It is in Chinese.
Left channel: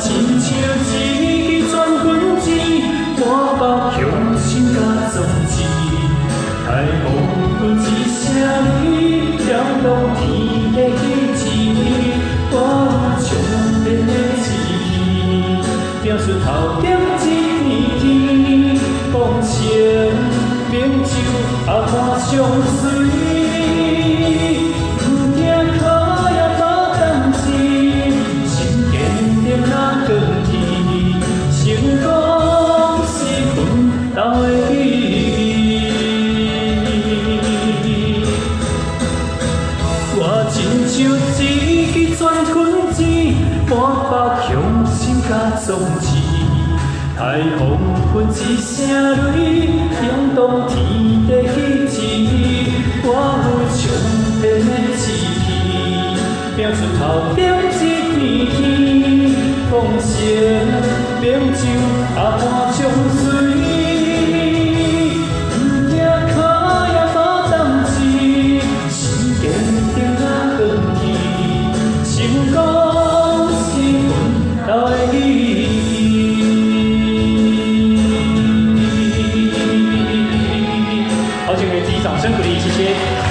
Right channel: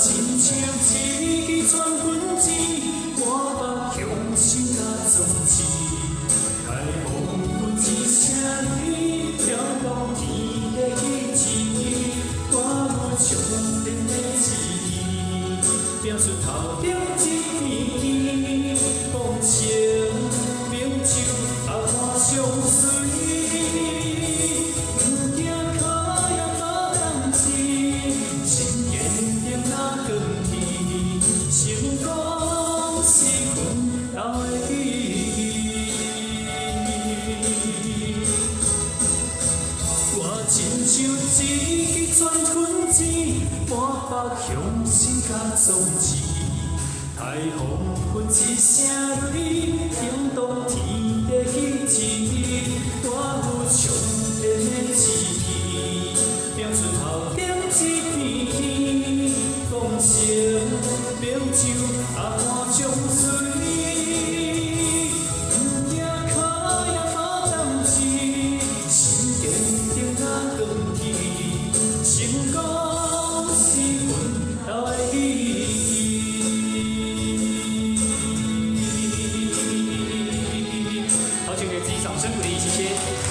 亲像一支全军子，满目雄心甲壮志。太空阮一声雷，跳动天地意志。我有强烈的志气，拼出头点一片天，功成名就也看上水。 我亲像一支全军子，满腹雄心甲壮志。太空阮一声雷，响动天地意志。我有强烈的志气，拼出头点一片天，功成名就也看上水。 好，请给自己掌声鼓励，谢谢。